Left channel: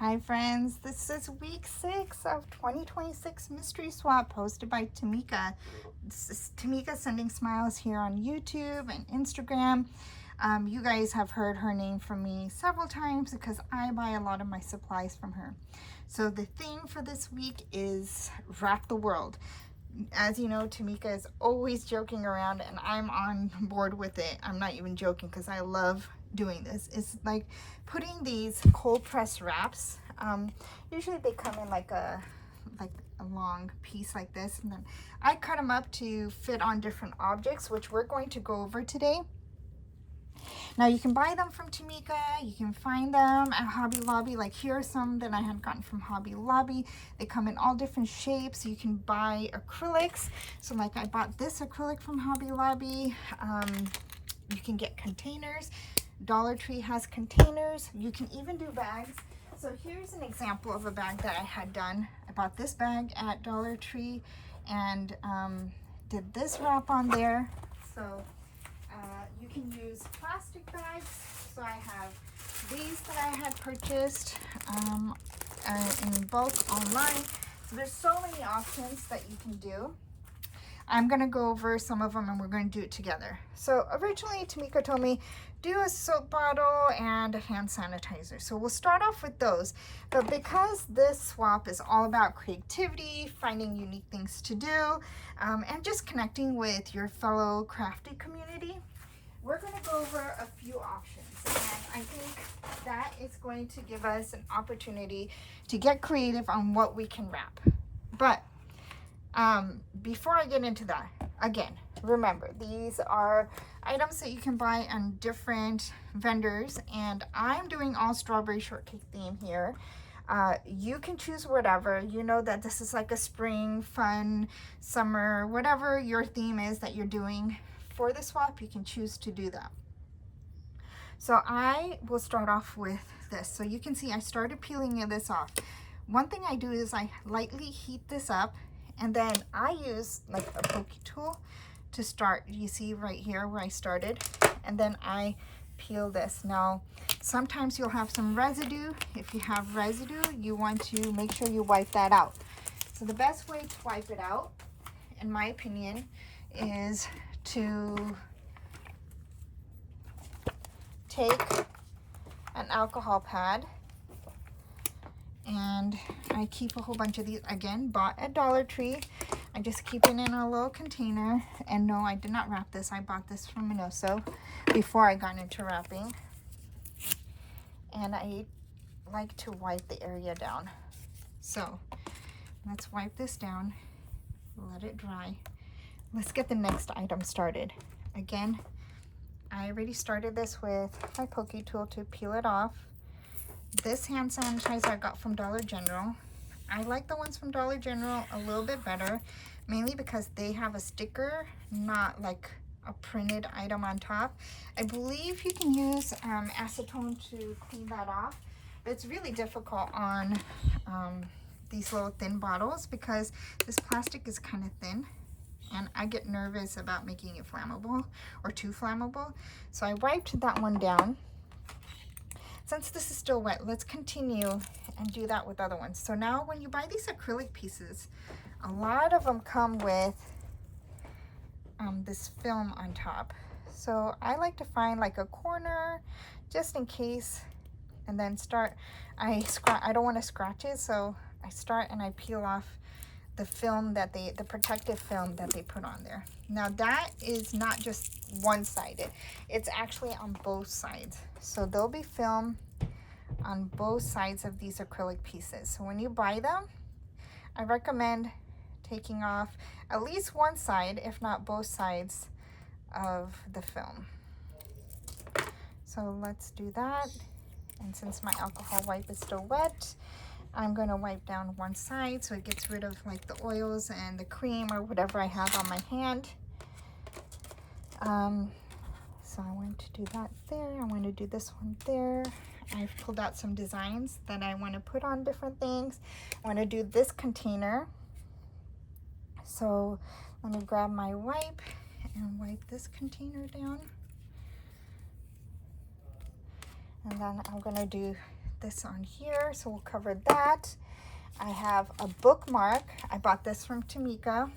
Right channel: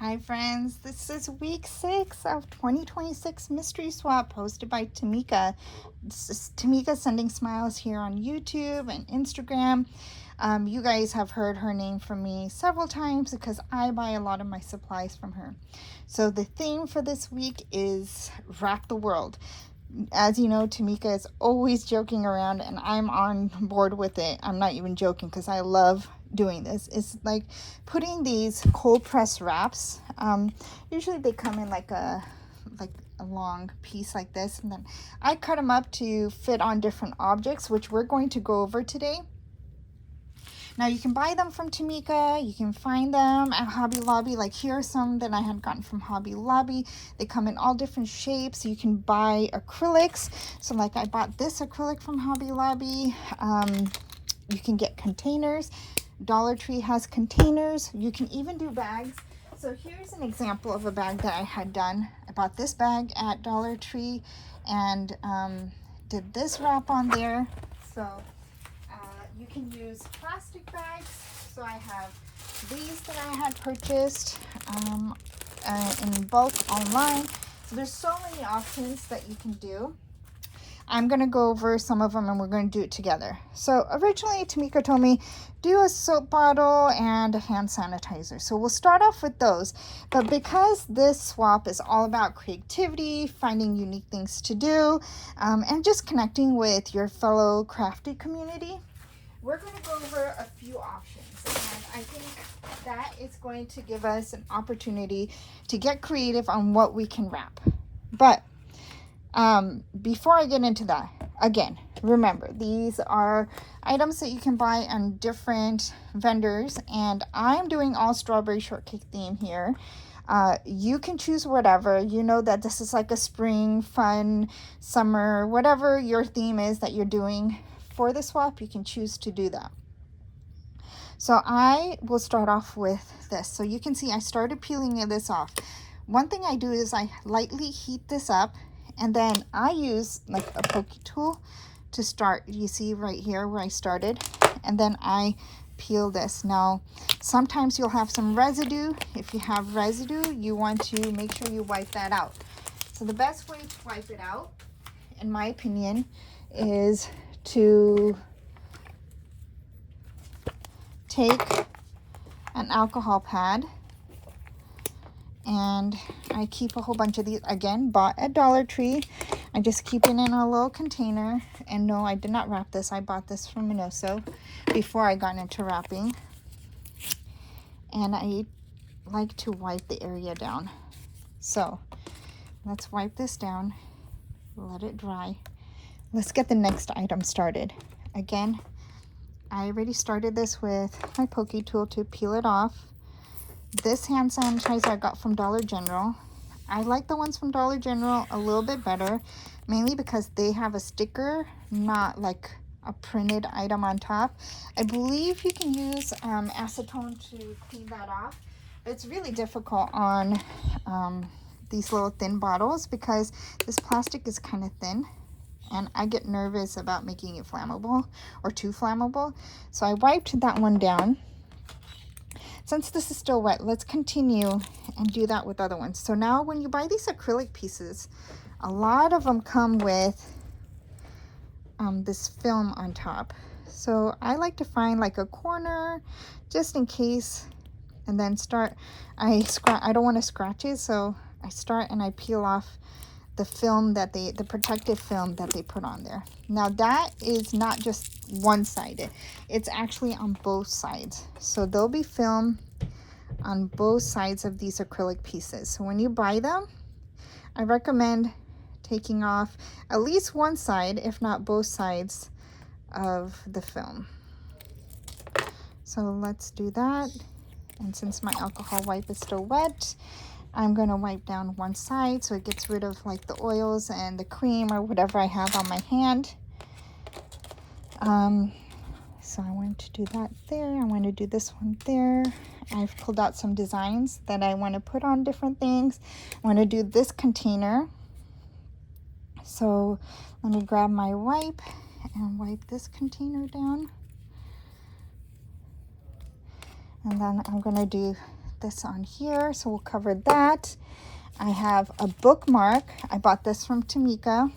Hi friends, this is week 6 of 2026 Mystery Swap hosted by Tamika. This is Tamika Sending Smiles here on YouTube and Instagram. You guys have heard her name from me several times because I buy a lot of my supplies from her. So the theme for this week is Wrap the World. As you know, Tamika is always joking around and I'm on board with it. I'm not even joking because I love doing this. It's like putting these cold press wraps. Usually they come in like a long piece like this, and then I cut them up to fit on different objects, which we're going to go over today. Now you can buy them from Tamika, you can find them at Hobby Lobby. Like here are some that I had gotten from Hobby Lobby. They come in all different shapes. You can buy acrylics. So like I bought this acrylic from Hobby Lobby. You can get containers. Dollar Tree has containers. You can even do bags. So here's an example of a bag that I had done. I bought this bag at Dollar Tree and did this wrap on there. So you can use plastic bags. So I have these that I had purchased in bulk online. So there's so many options that you can do. I'm going to go over some of them and we're going to do it together. So originally Tamika told me do a soap bottle and a hand sanitizer. So we'll start off with those. But because this swap is all about creativity, finding unique things to do, and just connecting with your fellow crafty community, we're going to go over a few options. And I think that is going to give us an opportunity to get creative on what we can wrap. But before I get into that, again, remember, these are items that you can buy on different vendors, and I'm doing all strawberry shortcake theme here. You can choose whatever. You know that this is like a spring, fun, summer, whatever your theme is that you're doing for the swap, you can choose to do that. So I will start off with this. So you can see I started peeling this off. One thing I do is I lightly heat this up, and then I use like a pokey tool to start. You see right here where I started, and then I peel this. Now sometimes you'll have some residue. If you have residue, you want to make sure you wipe that out. So the best way to wipe it out, in my opinion, is to take an alcohol pad, and I keep a whole bunch of these, again, bought at Dollar Tree. I just keep it in a little container. And no, I did not wrap this. I bought this from Minoso before I got into wrapping. And I like to wipe the area down. So let's wipe this down, let it dry. Let's get the next item started. Again, I already started this with my pokey tool to peel it off. This hand sanitizer I got from Dollar General. I like the ones from Dollar General a little bit better, mainly because they have a sticker, not like a printed item on top. I believe you can use acetone to clean that off. But it's really difficult on these little thin bottles because this plastic is kind of thin. And I get nervous about making it flammable or too flammable. So I wiped that one down. Since this is still wet, let's continue and do that with other ones. So now when you buy these acrylic pieces, a lot of them come with this film on top. So I like to find like a corner just in case, and then I don't want to scratch it, so I start and I peel off the film that the protective film that they put on there. Now that is not just one-sided, it's actually on both sides. So there'll be film on both sides of these acrylic pieces. So when you buy them, I recommend taking off at least one side, if not both sides of the film. So let's do that. And since my alcohol wipe is still wet, I'm going to wipe down one side so it gets rid of like the oils and the cream or whatever I have on my hand. So I want to do that there. I want to do this one there. I've pulled out some designs that I want to put on different things. I want to do this container. So let me grab my wipe and wipe this container down. And then I'm going to do this on here, so we'll cover that. I have a bookmark. I bought this from Tamika,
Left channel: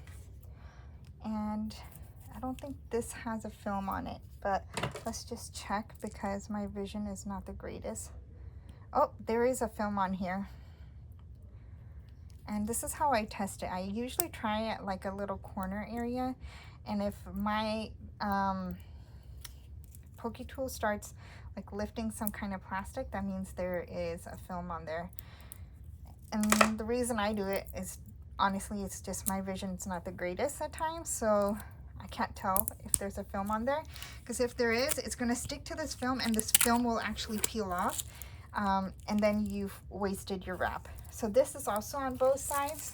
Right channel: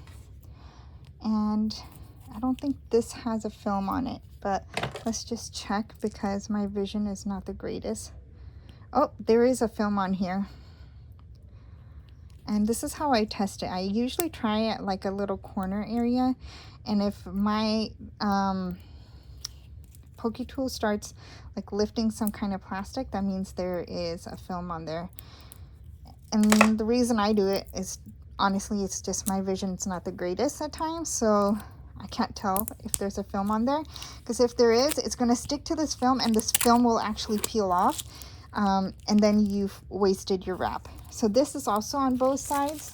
and I don't think this has a film on it, but let's just check because my vision is not the greatest. Oh, there is a film on here. And this is how I test it. I usually try it like a little corner area, and if my pokey tool starts like lifting some kind of plastic, that means there is a film on there. And the reason I do it is honestly it's just my vision's not the greatest at times, so I can't tell if there's a film on there, because if there is, it's going to stick to this film and this film will actually peel off, and then you've wasted your wrap. So this is also on both sides.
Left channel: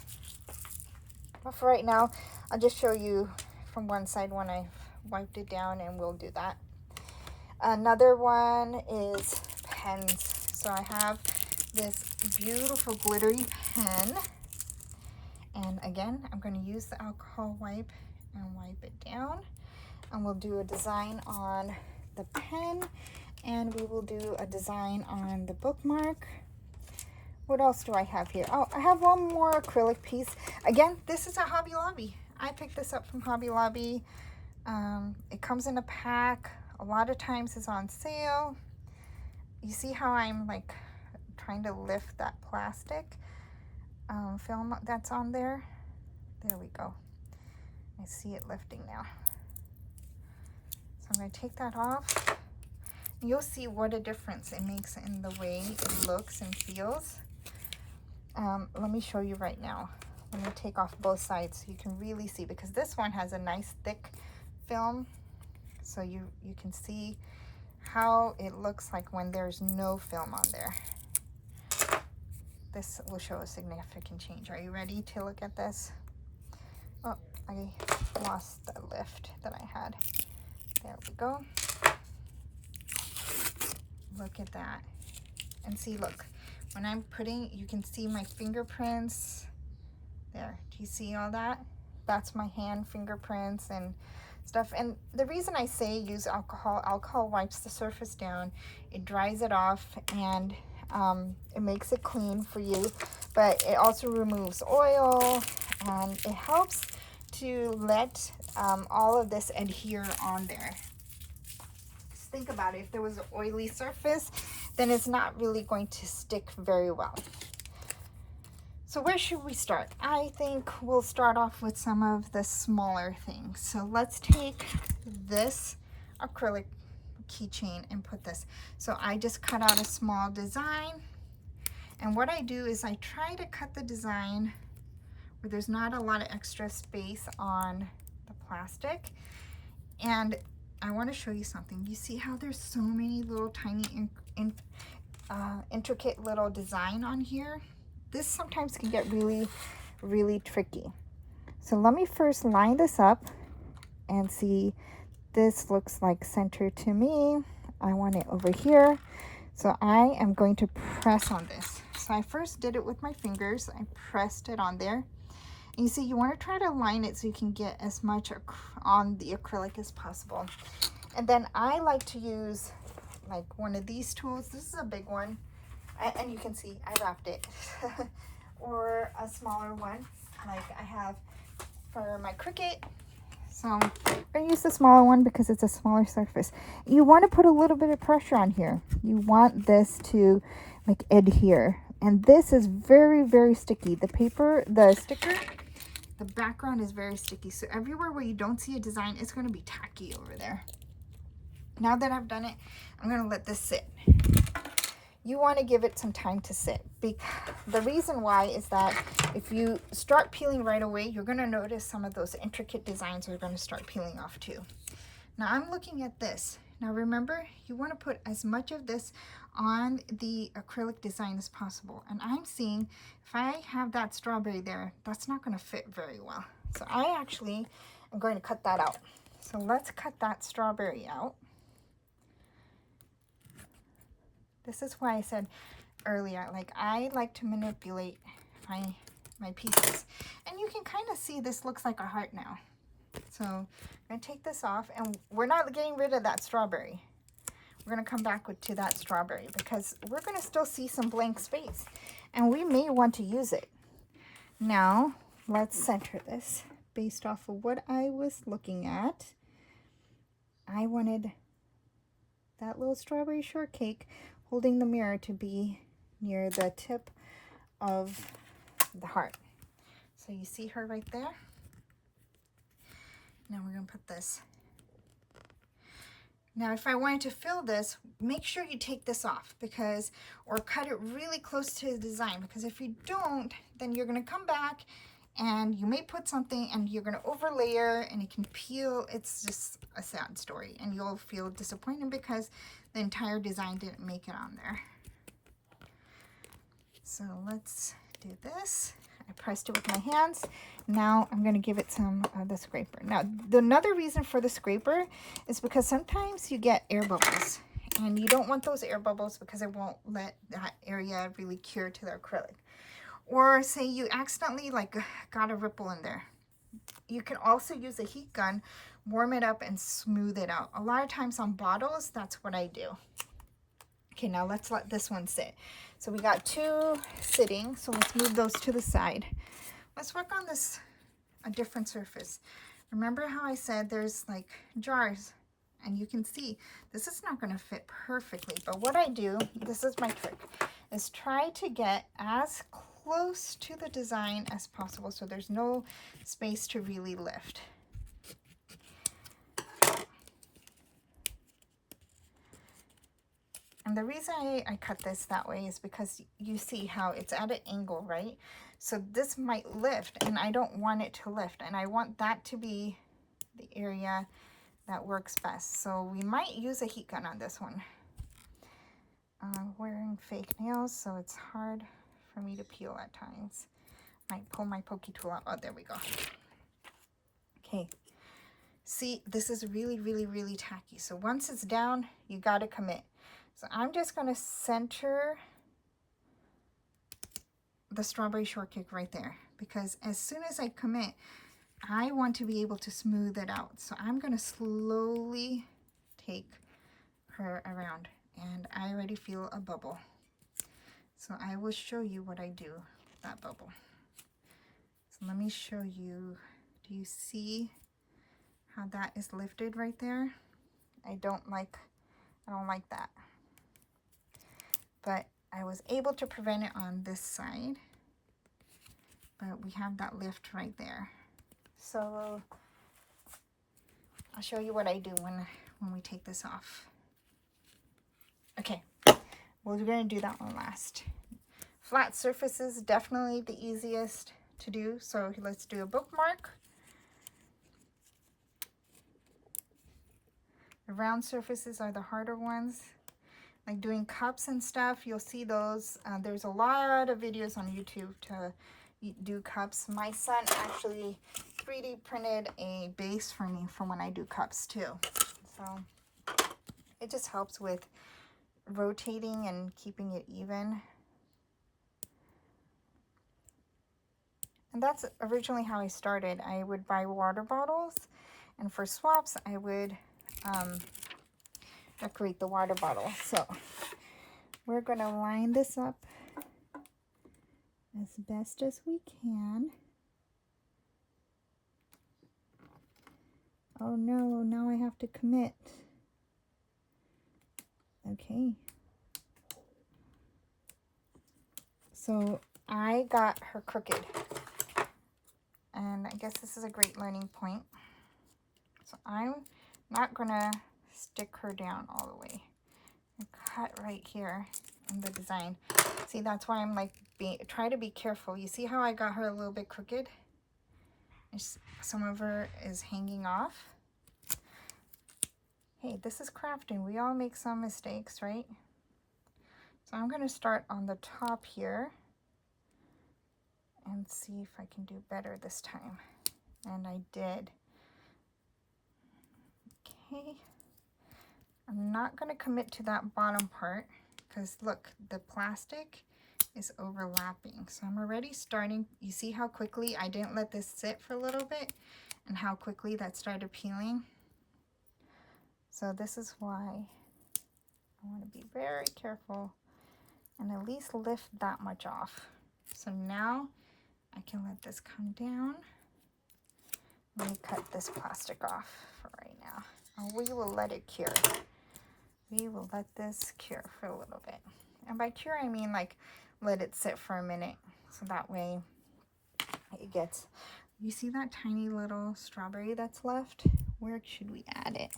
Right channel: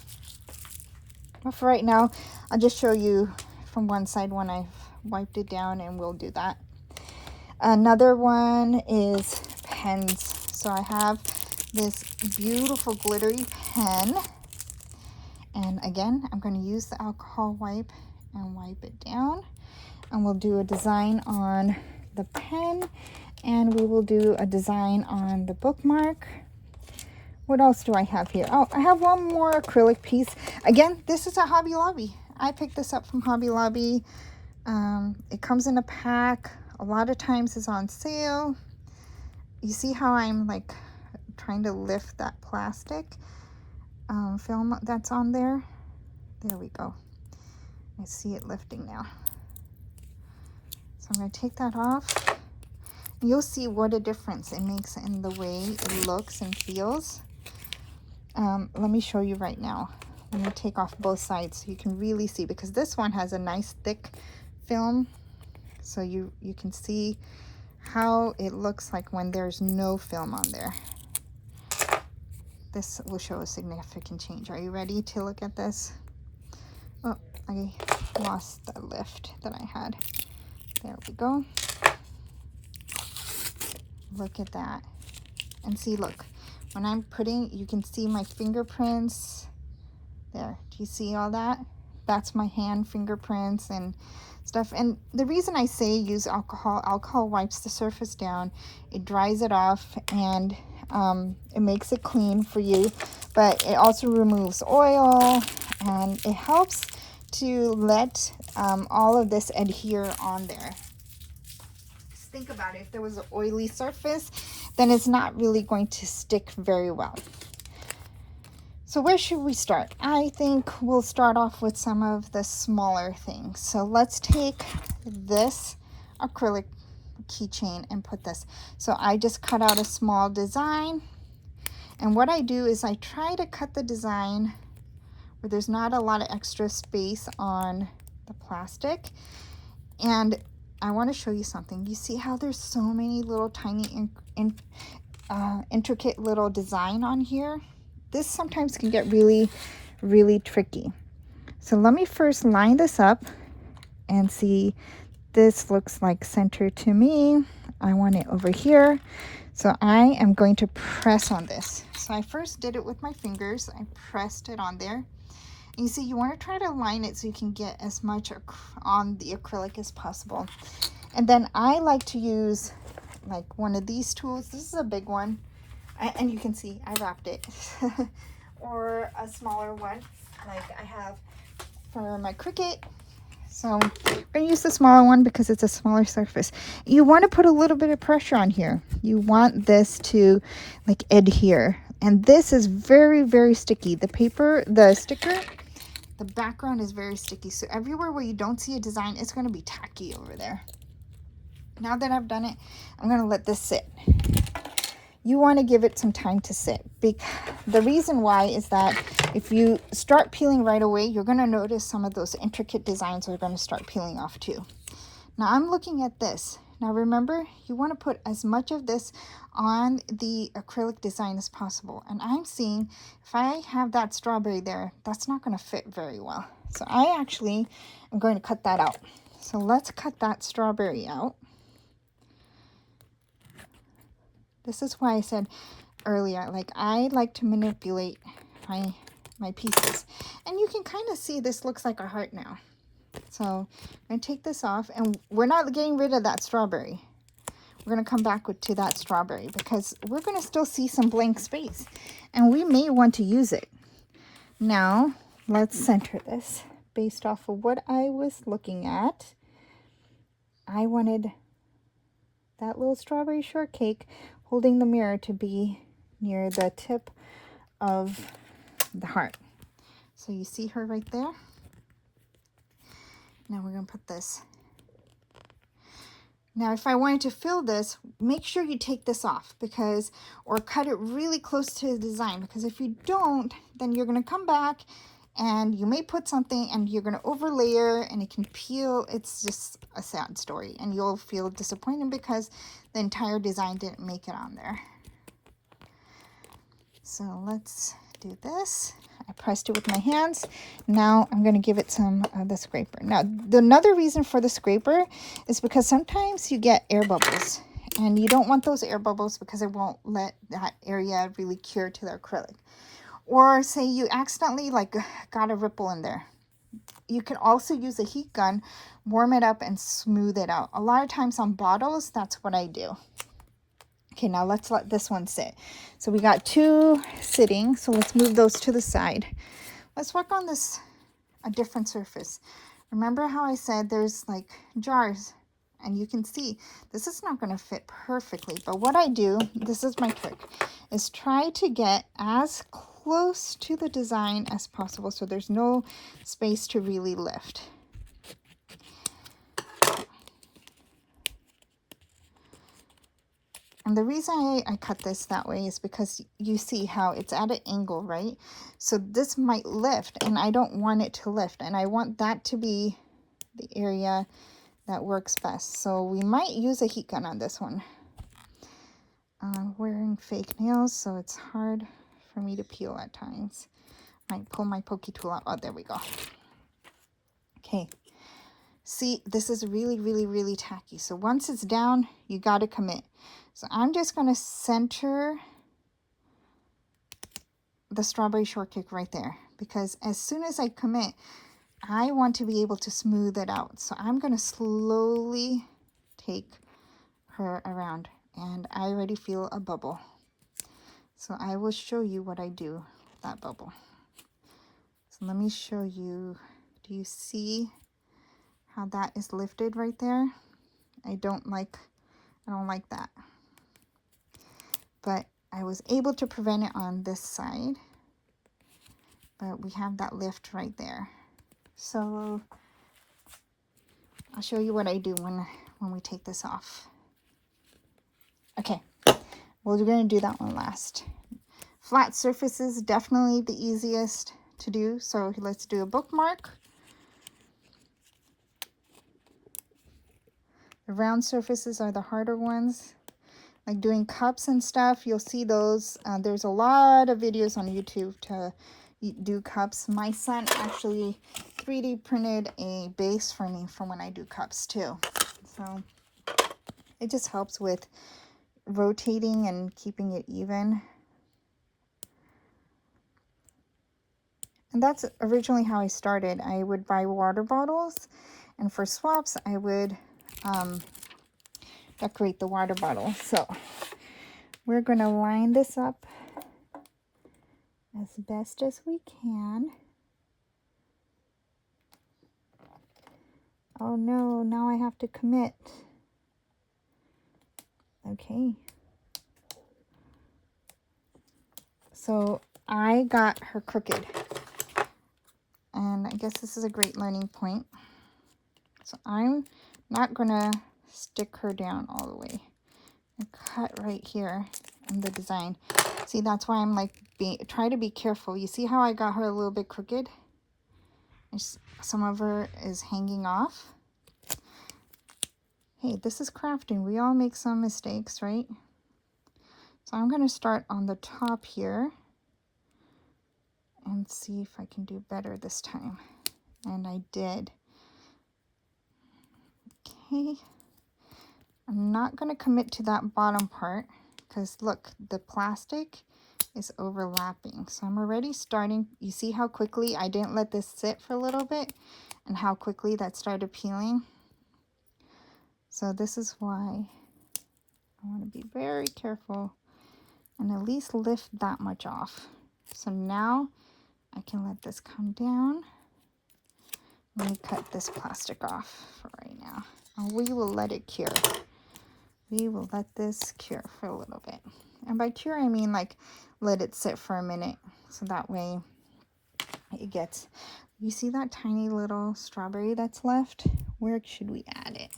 But for right now, I'll just show you from one side when I've wiped it down, and we'll do that. Another one is pens. So I have this beautiful glittery pen, and again I'm going to use the alcohol wipe and wipe it down, and we'll do a design on the pen, and we will do a design on the bookmark. What else do I have here? Oh, I have one more acrylic piece. Again, this is a Hobby Lobby. I picked this up from Hobby Lobby. It comes in a pack. A lot of times it's on sale. You see how I'm like trying to lift that plastic film that's on there? There we go. I see it lifting now. So I'm going to take that off. You'll see what a difference it makes in the way it looks and feels. Let me show you right now. Let me take off both sides so you can really see, because this one has a nice thick film, so you can see how it looks like when there's no film on there. This will show a significant change. Are you ready to look at this? Oh, I lost the lift that I had. There we go. Look at that. And see, look, when I'm putting, you can see my fingerprints there. Do you see all that? That's my hand fingerprints and stuff. And the reason I say use alcohol wipes the surface down, it dries it off, and it makes it clean for you, but it also removes oil, and it helps to let all of this adhere on there. Just think about it. If there was an oily surface, then it's not really going to stick very well. So where should we start? I think we'll start off with some of the smaller things. So let's take this acrylic keychain and put this. So I just cut out a small design, and what I do is I try to cut the design where there's not a lot of extra space on the plastic. And I want to show you something. You see how there's so many little tiny intricate little design on here? This sometimes can get really, really tricky. So let me first line this up and see. This looks like center to me. I want it over here. So I am going to press on this. So I first did it with my fingers. I pressed it on there. And you see, you want to try to line it so you can get as much on the acrylic as possible. And then I like to use like one of these tools. This is a big one. And you can see I wrapped it. Or a smaller one like I have for my Cricut. So I'm going to use the smaller one because it's a smaller surface. You want to put a little bit of pressure on here. You want this to like adhere. And this is very, very sticky. The paper, the sticker, the background is very sticky. So everywhere where you don't see a design, it's going to be tacky over there. Now that I've done it, I'm going to let this sit. You want to give it some time to sit. The reason why is that if you start peeling right away, you're going to notice some of those intricate designs are going to start peeling off too. Now I'm looking at this. Now remember, you want to put as much of this on the acrylic design as possible. And I'm seeing if I have that strawberry there, that's not going to fit very well. So I actually am going to cut that out. So let's cut that strawberry out. This is why I said earlier, like I like to manipulate my pieces. And you can kind of see this looks like a heart now. So I'm going to take this off, and we're not getting rid of that strawberry. we're going to come back to that strawberry because we're going to still see some blank space and we may want to use it. Now, let's center this based off of what I was looking at. I wanted that little strawberry shortcake holding the mirror to be near the tip of the heart. So you see her right there? Now we're going to put this. Now, if I wanted to fill this, make sure you take this off because, or cut it really close to the design, because if you don't, then you're going to come back and you may put something and you're going to overlayer and it can peel. It's just a sad story and you'll feel disappointed because the entire design didn't make it on there. So let's do this. I pressed it with my hands. Now I'm going to give it some of the scraper. Now, another reason for the scraper is because sometimes you get air bubbles and you don't want those air bubbles because it won't let that area really cure to the acrylic. Or say you accidentally got a ripple in there. You can also use a heat gun, warm it up and smooth it out. A lot of times on bottles, that's what I do. Okay, now let's let this one sit. So we got two sitting, so let's move those to the side. Let's work on this, a different surface. Remember how I said there's like jars, and you can see this is not going to fit perfectly, but what I do, this is my trick, is try to get as close to the design as possible so there's no space to really lift. And the reason I cut this that way is because you see how it's at an angle, right? So this might lift and I don't want it to lift, and I want that to be the area that works best. So we might use a heat gun on this one. I'm wearing fake nails, so it's hard for me to peel at times. Might pull my pokey tool out. Oh, there we go. Okay. See, this is really, really, really tacky. So once it's down, you got to commit. So I'm just going to center the strawberry shortcake right there, because as soon as I commit, I want to be able to smooth it out. So I'm going to slowly take her around, and I already feel a bubble. So I will show you what I do with that bubble. So let me show you. Do you see how that is lifted right there? I don't like that. But I was able to prevent it on this side. But we have that lift right there. So I'll show you what I do when we take this off. Okay, well, we're going to do that one last. Flat surfaces, definitely the easiest to do. So let's do a bookmark. The round surfaces are the harder ones. Like doing cups and stuff, you'll see those. There's a lot of videos on YouTube to do cups. My son actually 3D printed a base for me for when I do cups too. So it just helps with rotating and keeping it even. And that's originally how I started. I would buy water bottles, and for swaps, I would decorate the water bottle. So we're going to line this up as best as we can. Oh no, now I have to commit. Okay. So I got her crooked. And I guess this is a great learning point. So I'm not going to stick her down all the way. I cut right here in the design. See, that's why I'm like, try to be careful. You see how I got her a little bit crooked? Some of her is hanging off. Hey, this is crafting. We all make some mistakes, right? So I'm going to start on the top here and see if I can do better this time. And I did. Okay. I'm not going to commit to that bottom part because look, the plastic is overlapping. So I'm already starting. You see how quickly I didn't let this sit for a little bit and how quickly that started peeling. So this is why I want to be very careful and at least lift that much off. So now I can let this come down. Let me cut this plastic off for right now. And we will let it cure. We will let this cure for a little bit. And by cure, I mean like let it sit for a minute. So that way it gets, you see that tiny little strawberry that's left? Where should we add it?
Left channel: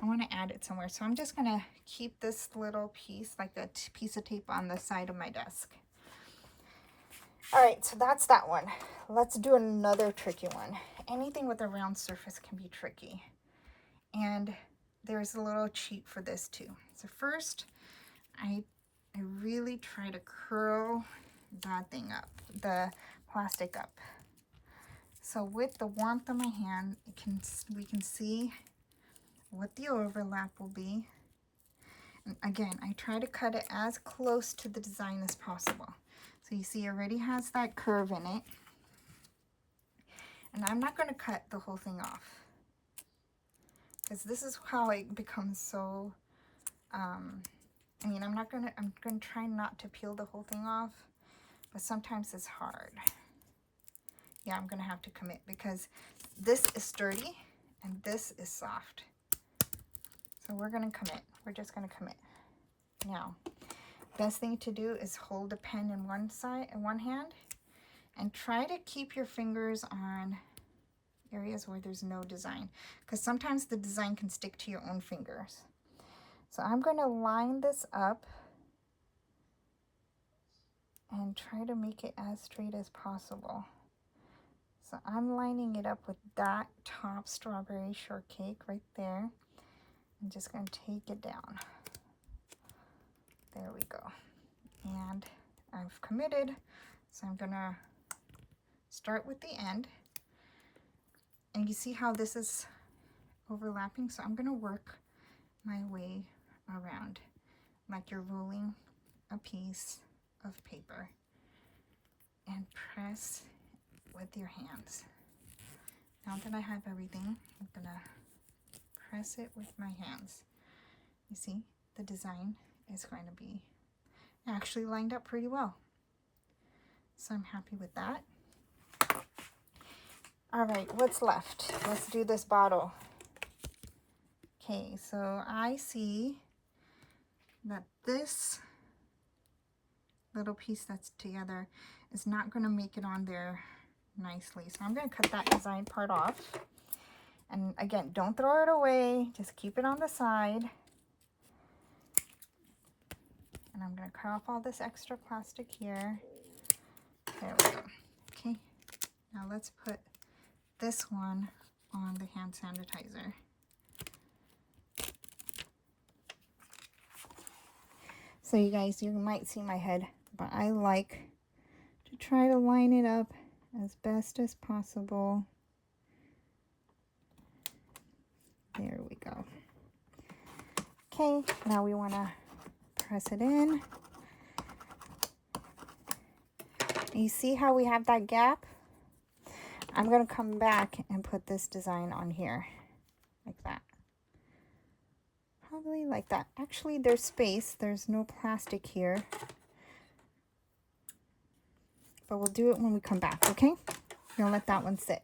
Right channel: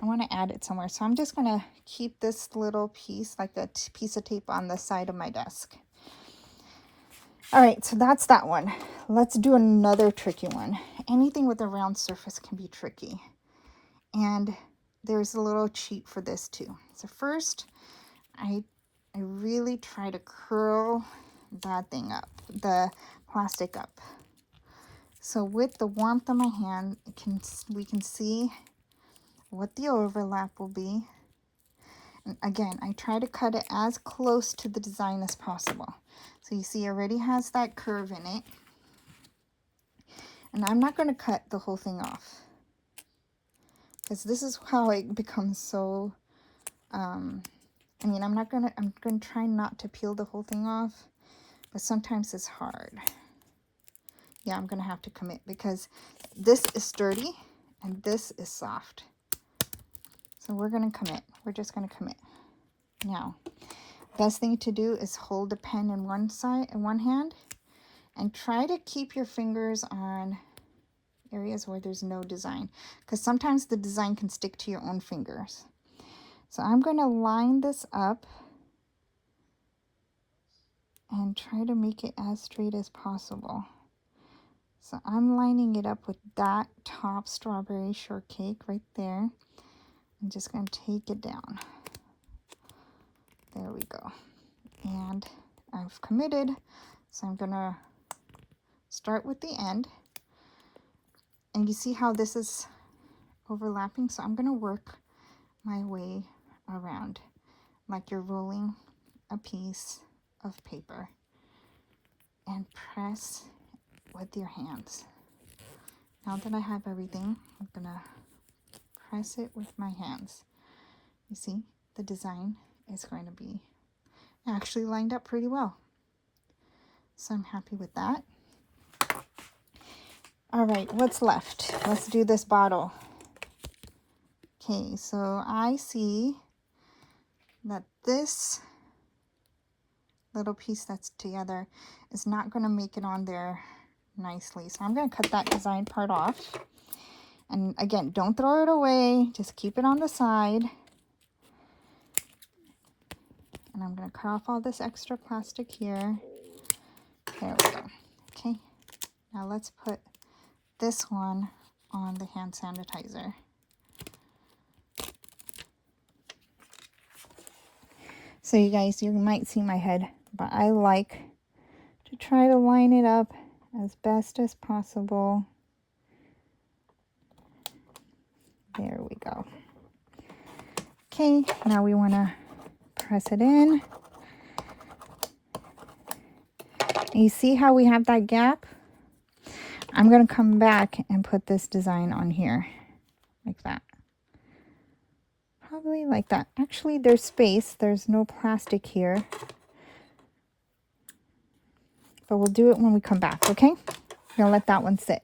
I want to add it somewhere. So I'm just going to keep this little piece, like a piece of tape on the side of my desk. All right, so that's that one. Let's do another tricky one. Anything with a round surface can be tricky. And there's a little cheat for this too. So first, I really try to curl that thing up, the plastic up. So with the warmth of my hand, we can see what the overlap will be. And again, I try to cut it as close to the design as possible. So you see it already has that curve in it. And I'm not going to cut the whole thing off, because this is how it becomes so, I'm going to try not to peel the whole thing off, but sometimes it's hard. Yeah, I'm going to have to commit because this is sturdy and this is soft. So we're going to commit. We're just going to commit. Now, best thing to do is hold the pen in one hand and try to keep your fingers on areas where there's no design, because sometimes the design can stick to your own fingers. So I'm going to line this up and try to make it as straight as possible. So I'm lining it up with that top strawberry shortcake right there. I'm just going to take it down. There we go. And I've committed. So I'm going to start with the end. And you see how this is overlapping? So I'm going to work my way around like you're rolling a piece of paper and press with your hands. Now that I have everything, I'm going to press it with my hands. You see, the design is going to be actually lined up pretty well. So I'm happy with that. All right, what's left? Let's do this bottle. Okay, so I see that this little piece that's together is not going to make it on there nicely. So I'm going to cut that design part off. And again, don't throw it away. Just keep it on the side. And I'm going to cut off all this extra plastic here. There we go. Okay, now let's put this one on the hand sanitizer. So you guys, you might see my head, but I like to try to line it up as best as possible. There we go. Okay, now we want to press it in. And you see how we have that gap? I'm going to come back and put this design on here like that. Probably like that. Actually, there's space. There's no plastic here. But we'll do it when we come back, okay? I'm going to let that one sit.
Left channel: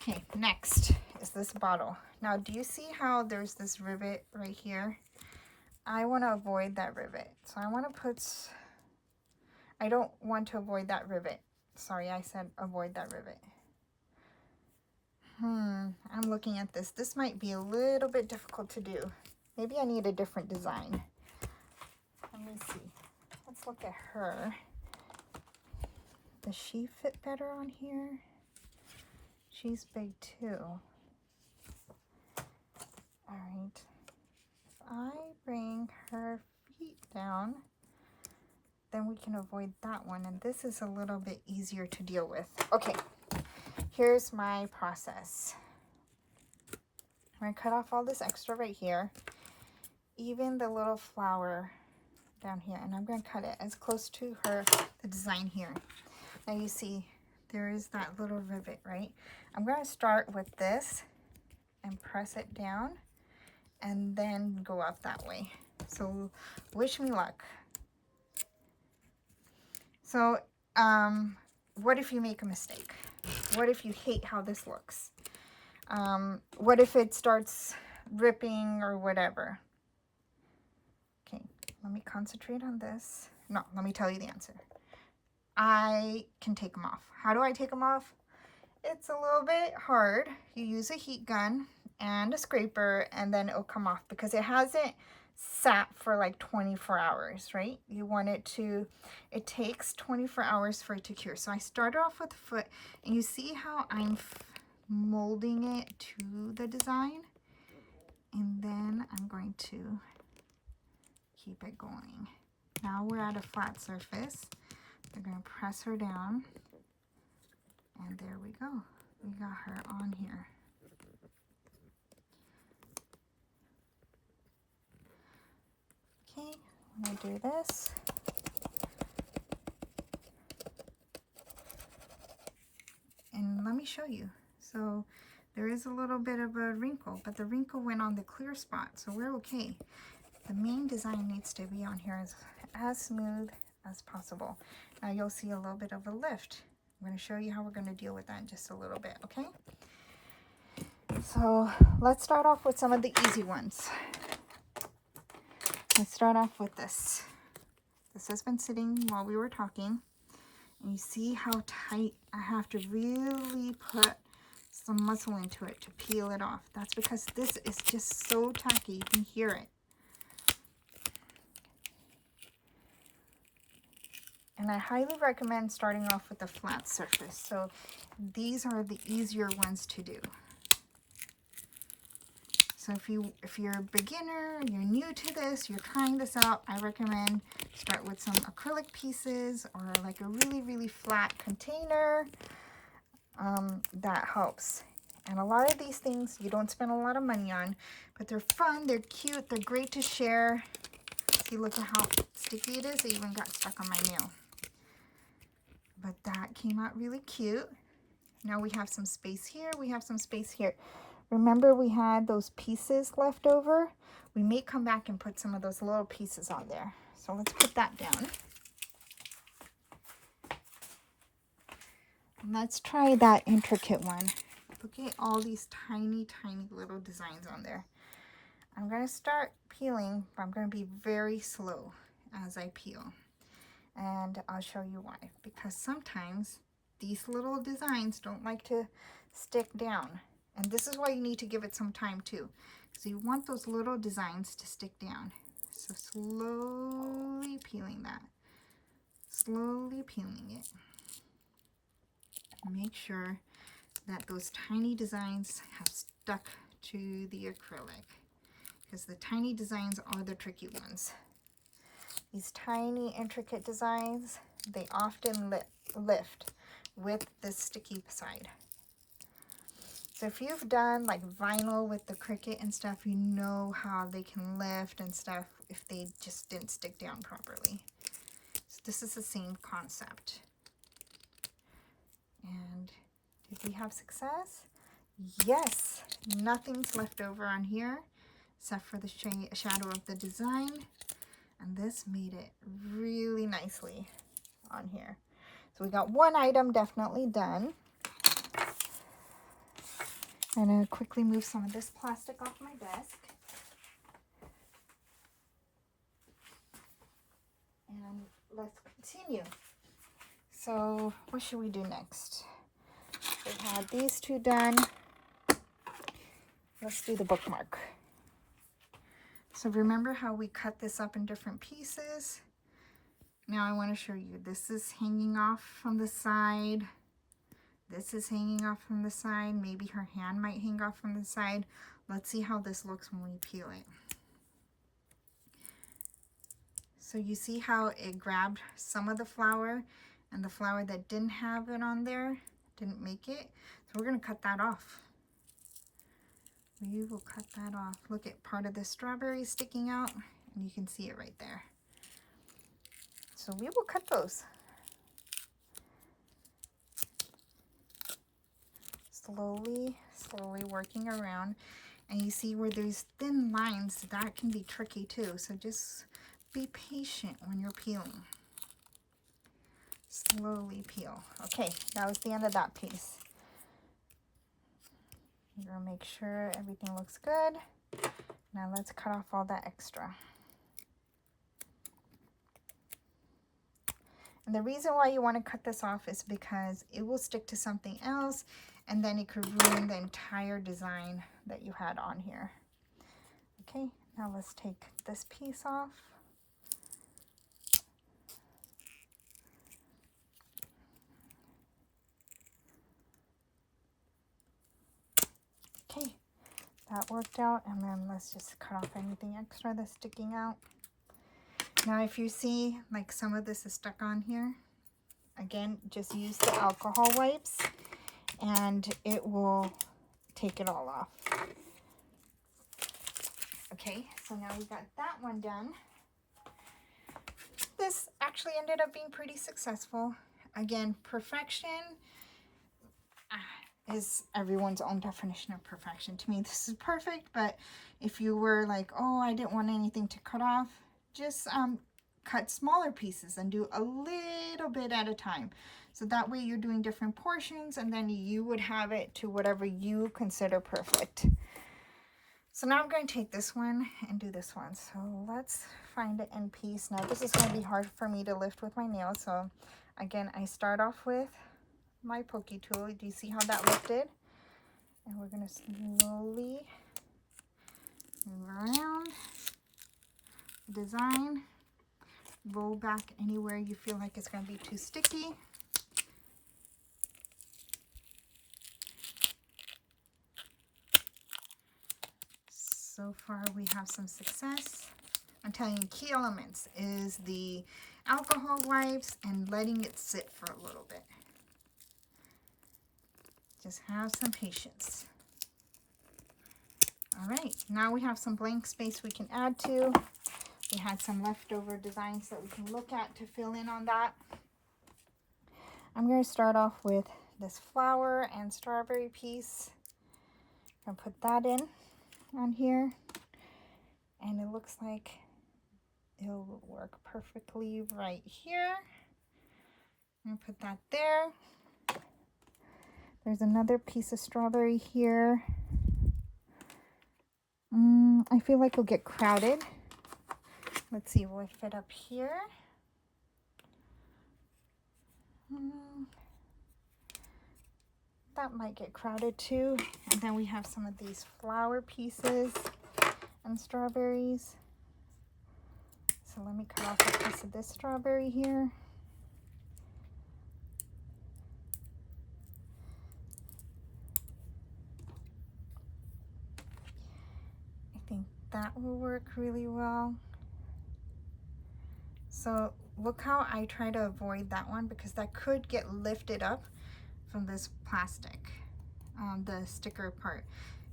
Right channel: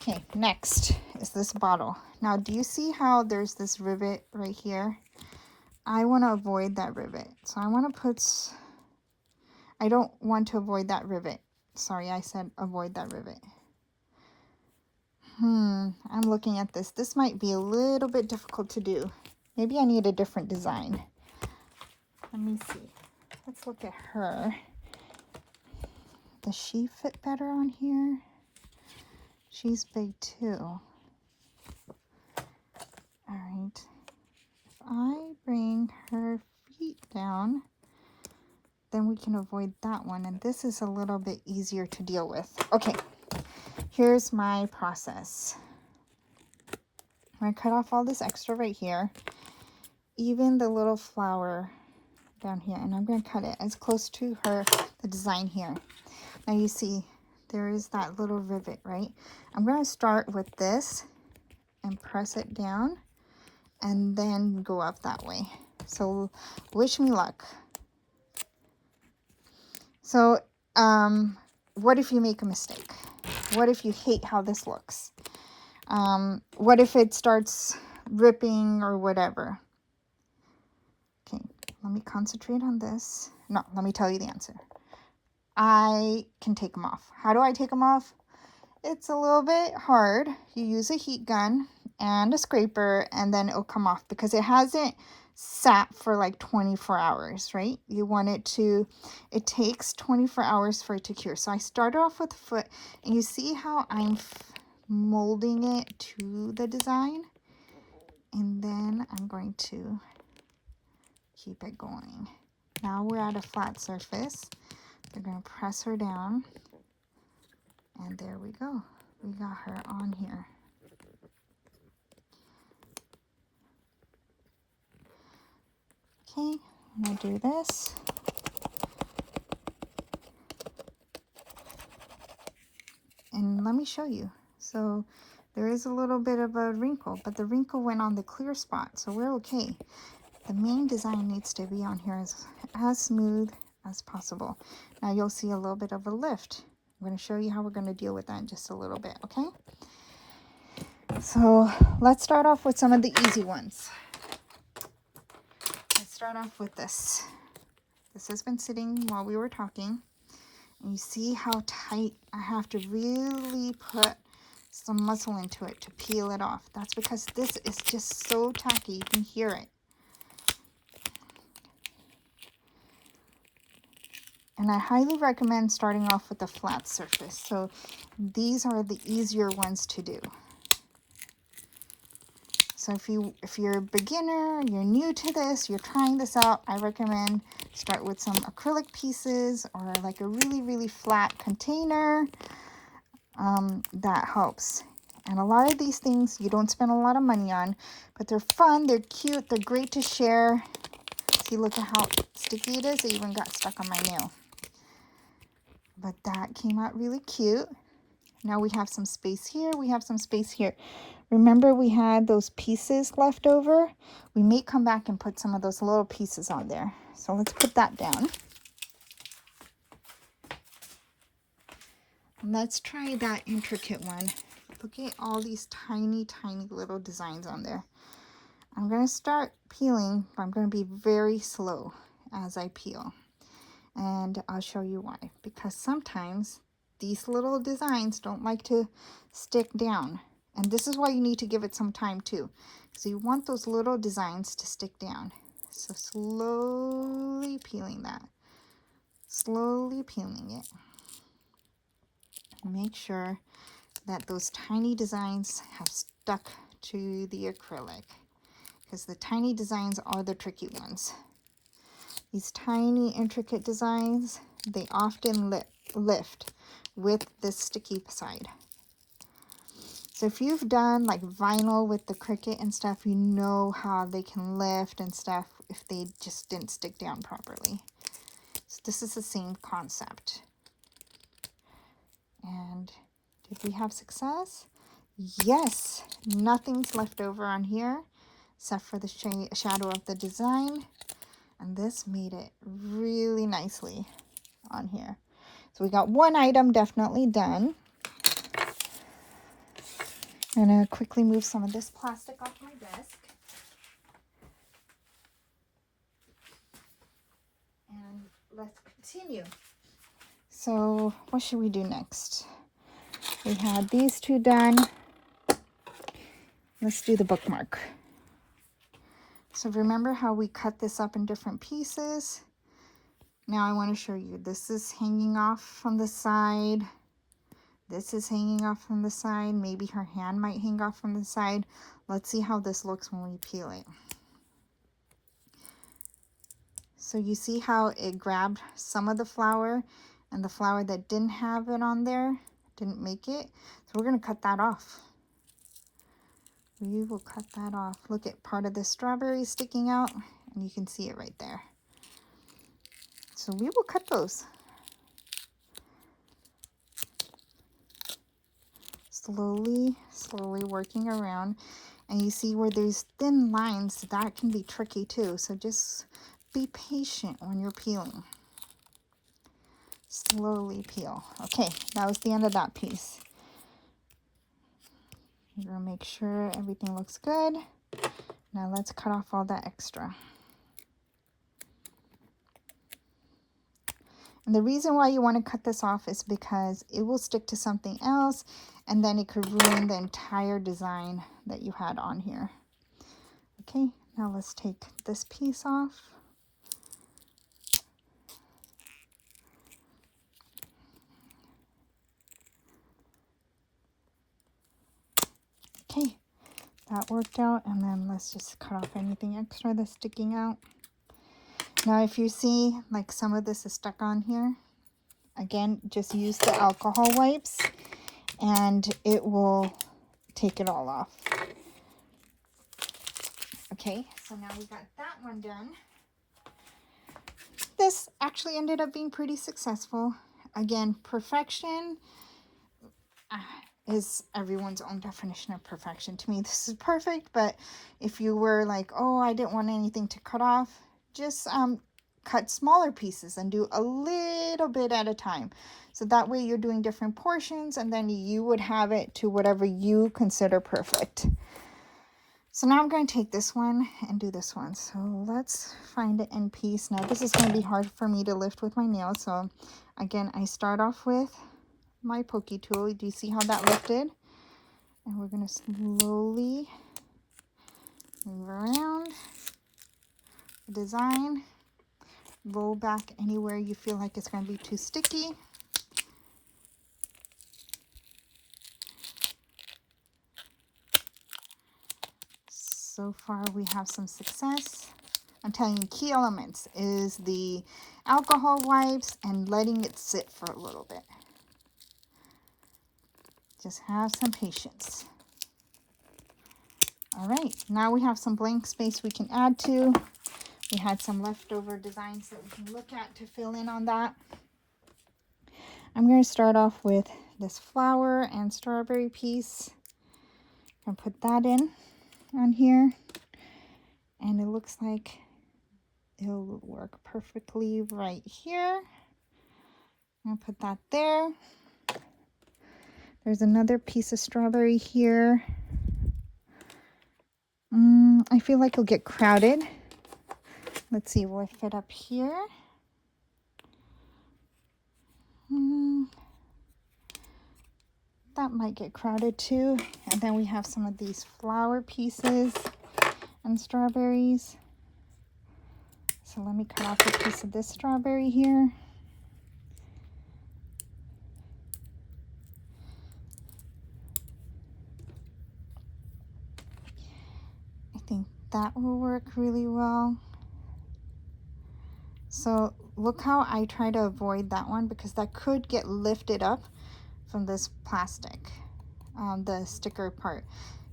Okay, next is this bottle. Now, do you see how there's this rivet right here? I want to avoid that rivet. So I want to put... I don't want to avoid that rivet. Sorry, I said avoid that rivet. I'm looking at this. This might be a little bit difficult to do. Maybe I need a different design. Let me see. Let's look at her. Does she fit better on here? She's big too. All right. If I bring her feet down, then we can avoid that one. And this is a little bit easier to deal with. Okay. Here's my process. I'm going to cut off all this extra right here, even the little flower down here, and I'm going to cut it as close to the design here. Now you see there is that little rivet, right? I'm going to start with this and press it down and then go up that way. So wish me luck. So what if you make a mistake? What if you hate how this looks? What if it starts ripping or whatever? Okay, let me concentrate on this. No, let me tell you the answer. I can take them off. How do I take them off? It's a little bit hard. You use a heat gun and a scraper, and then it'll come off because it hasn't sat for like 24 hours, right? You want it to, it takes 24 hours for it to cure. So I started off with the foot, and you see how I'm molding it to the design, and then I'm going to keep it going. Now we're at a flat surface. We're going to press her down, and there we go. We got her on here. Okay, we'll do this. And let me show you. So there is a little bit of a wrinkle, but the wrinkle went on the clear spot, so we're okay. The main design needs to be on here as smooth as possible. Now you'll see a little bit of a lift. I'm going to show you how we're going to deal with that in just a little bit, okay? So let's start off with some of the easy ones. Let's start off with this. This has been sitting while we were talking. And you see how tight I have to really put some muscle into it to peel it off. That's because this is just so tacky. You can hear it. And I highly recommend starting off with a flat surface. So these are the easier ones to do. So if you're a beginner, you're new to this, you're trying this out, I recommend start with some acrylic pieces or like a really, really flat container. That helps. And a lot of these things you don't spend a lot of money on, but they're fun, they're cute, they're great to share. See, look at how sticky it is. It even got stuck on my nail. But that came out really cute. Now we have some space here, we have some space here. Remember we had those pieces left over? We may come back and put some of those little pieces on there. So let's put that down. Let's try that intricate one. Look at all these tiny, tiny little designs on there. I'm going to start peeling, but I'm going to be very slow as I peel. And I'll show you why. Because sometimes these little designs don't like to stick down. And this is why you need to give it some time too. So you want those little designs to stick down. So slowly peeling that. Slowly peeling it. Make sure that those tiny designs have stuck to the acrylic. Because the tiny designs are the tricky ones. These tiny intricate designs, they often lift with the sticky side. So if you've done like vinyl with the Cricut and stuff, you know how they can lift and stuff if they just didn't stick down properly. So this is the same concept. And did we have success? Yes, nothing's left over on here except for the shadow of the design. And this made it really nicely on here. So we got one item definitely done. I'm going to quickly move some of this plastic off my desk. And let's continue. So what should we do next? We had these two done. Let's do the bookmark. So remember how we cut this up in different pieces? Now I want to show you. This is hanging off from the side. This is hanging off from the side. Maybe her hand might hang off from the side. Let's see how this looks when we peel it. So you see how it grabbed some of the flower, and the flower that didn't have it on there didn't make it. So we're going to cut that off. We will cut that off. Look at part of the strawberry sticking out, and you can see it right there. So we will cut those. Slowly, slowly working around. And you see where there's thin lines, that can be tricky too. So just be patient when you're peeling. Slowly peel. Okay, that was the end of that piece. You're gonna make sure everything looks good. Now let's cut off all that extra. And the reason why you want to cut this off is because it will stick to something else and then it could ruin the entire design that you had on here. Okay, now let's take this piece off. Okay, that worked out, and then let's just cut off anything extra that's sticking out. Now if you see like some of this is stuck on here, again, just use the alcohol wipes and it will take it all off. Okay, so now we got that one done. This actually ended up being pretty successful. Again, perfection is everyone's own definition of perfection. To me, this is perfect, but if you were like, oh, I didn't want anything to cut off, just cut smaller pieces and do a little bit at a time. So that way you're doing different portions and then you would have it to whatever you consider perfect. So now I'm going to take this one and do this one. So let's find the end piece. Now this is going to be hard for me to lift with my nails. So again, I start off with my pokey tool. Do you see how that lifted? And we're going to slowly move around the design. Roll back anywhere you feel like it's going to be too sticky. So far we have some success. I'm telling you, key elements is the alcohol wipes and letting it sit for a little bit. Just have some patience. All right, now we have some blank space we can add to. We had some leftover designs that we can look at to fill in on that. I'm going to start off with this flower and strawberry piece and put that in on here. And it looks like it'll work perfectly right here. I'm going to put that there. There's another piece of strawberry here. I feel like it'll get crowded. Let's see, will it fit up here? That might get crowded too. And then we have some of these flower pieces and strawberries. So let me cut off a piece of this strawberry here. I think that will work really well. So look how I try to avoid that one because that could get lifted up from this plastic, the sticker part,